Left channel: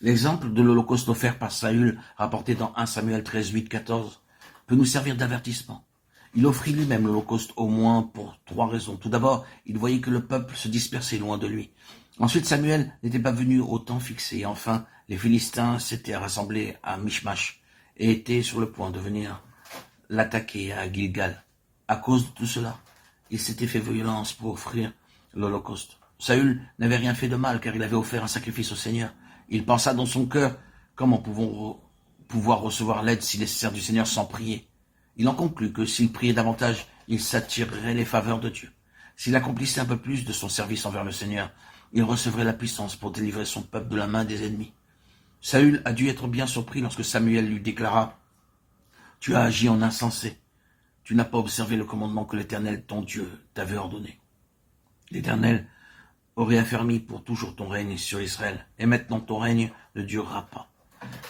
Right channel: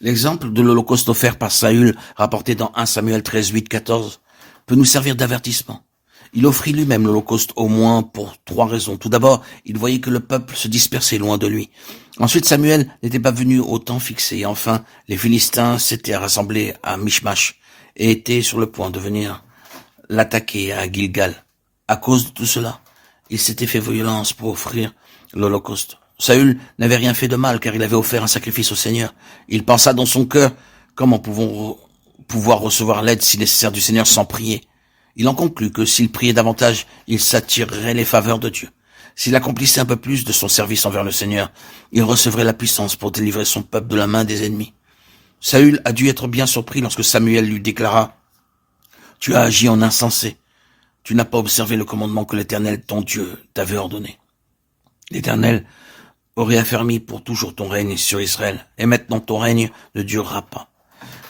L'exemple de l'Holocauste offert par Saül, rapporté dans 1 Samuel 13, 8, 14, peut nous servir d'avertissement. Il offrit lui-même l'Holocauste au moins pour 3 raisons. Tout d'abord, il voyait que le peuple se dispersait loin de lui. Ensuite, Samuel n'était pas venu au temps fixé. Et enfin, les Philistins s'étaient rassemblés à Michmash et étaient sur le point de venir l'attaquer à Gilgal. À cause de tout cela, il s'était fait violence pour offrir l'Holocauste. Saül n'avait rien fait de mal car il avait offert un sacrifice au Seigneur. Il pensa dans son cœur, comment pouvoir recevoir l'aide si nécessaire du Seigneur sans prier. Il en conclut que s'il priait davantage, il s'attirerait les faveurs de Dieu. S'il accomplissait un peu plus de son service envers le Seigneur, il recevrait la puissance pour délivrer son peuple de la main des ennemis. Saül a dû être bien surpris lorsque Samuel lui déclara « Tu as agi en insensé. Tu n'as pas observé le commandement que l'Éternel, ton Dieu, t'avait ordonné. L'Éternel aurait affermi pour toujours ton règne sur Israël, et maintenant ton règne ne durera pas.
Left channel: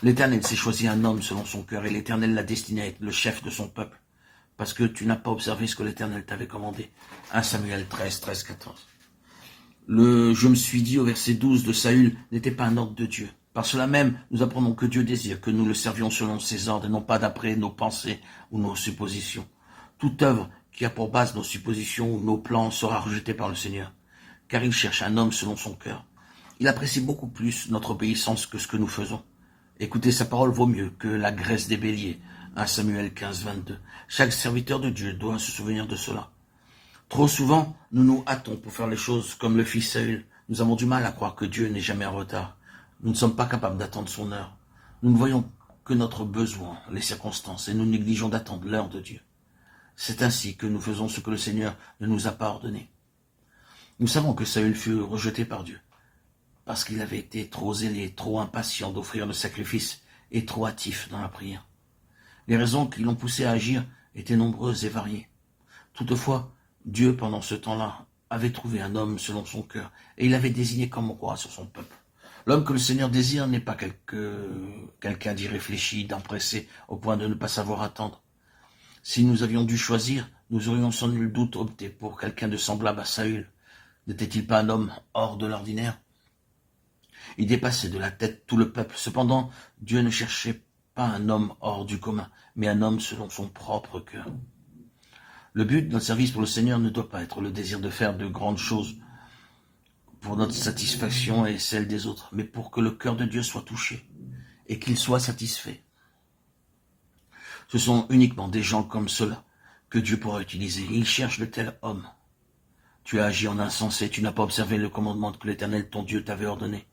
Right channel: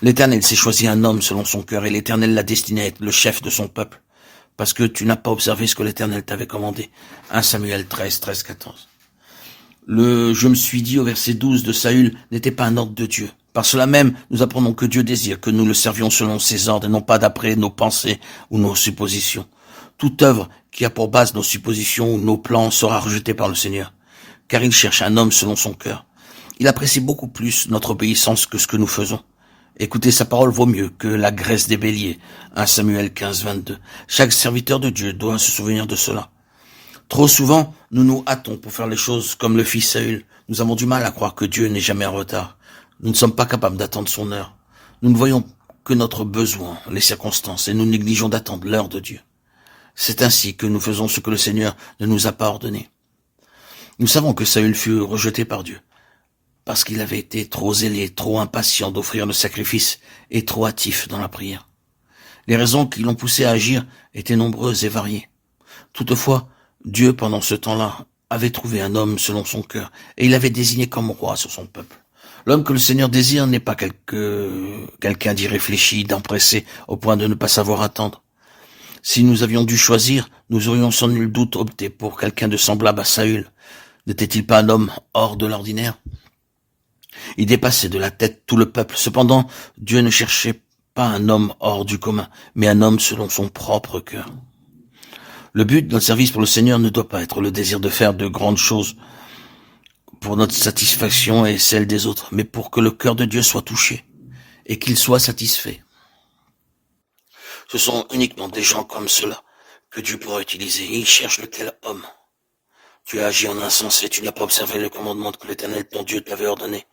L'Éternel s'est choisi un homme selon son cœur, et l'Éternel l'a destiné à être le chef de son peuple, parce que tu n'as pas observé ce que l'Éternel t'avait commandé. 1 Samuel 13, 13, 14. Le « je me suis dit » au verset 12 de Saül n'était pas un ordre de Dieu. Par cela même, nous apprenons que Dieu désire que nous le servions selon ses ordres et non pas d'après nos pensées ou nos suppositions. Toute œuvre qui a pour base nos suppositions ou nos plans sera rejetée par le Seigneur, car il cherche un homme selon son cœur. Il apprécie beaucoup plus notre obéissance que ce que nous faisons. Écouter sa parole vaut mieux que la graisse des béliers. 1 Samuel 15, 22. Chaque serviteur de Dieu doit se souvenir de cela. Trop souvent, nous nous hâtons pour faire les choses comme le fit Saül. Nous avons du mal à croire que Dieu n'est jamais en retard. Nous ne sommes pas capables d'attendre son heure. Nous ne voyons que notre besoin, les circonstances, et nous négligeons d'attendre l'heure de Dieu. C'est ainsi que nous faisons ce que le Seigneur ne nous a pas ordonné. Nous savons que Saül fut rejeté par Dieu, parce qu'il avait été trop zélé, trop impatient d'offrir le sacrifice et trop hâtif dans la prière. Les raisons qui l'ont poussé à agir étaient nombreuses et variées. Toutefois, Dieu, pendant ce temps-là, avait trouvé un homme selon son cœur, et il l'avait désigné comme roi sur son peuple. L'homme que le Seigneur désire n'est pas quelqu'un d'irréfléchi, d'empressé, au point de ne pas savoir attendre. Si nous avions dû choisir, nous aurions sans nul doute opté pour quelqu'un de semblable à Saül. N'était-il pas un homme hors de l'ordinaire? Il dépassait de la tête tout le peuple. Cependant, Dieu ne cherchait pas un homme hors du commun, mais un homme selon son propre cœur. Le but de notre service pour le Seigneur ne doit pas être le désir de faire de grandes choses pour notre satisfaction et celle des autres, mais pour que le cœur de Dieu soit touché et qu'il soit satisfait. Ce sont uniquement des gens comme cela que Dieu pourra utiliser. Il cherche le tel homme. Tu as agi en insensé, tu n'as pas observé le commandement que l'Éternel, ton Dieu, t'avait ordonné.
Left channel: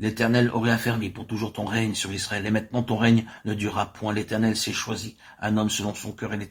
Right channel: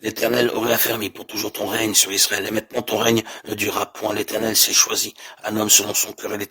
L'Éternel aurait affermi pour toujours ton règne sur Israël, et maintenant ton règne ne durera point. L'Éternel s'est choisi un homme selon son cœur, et l'Éternel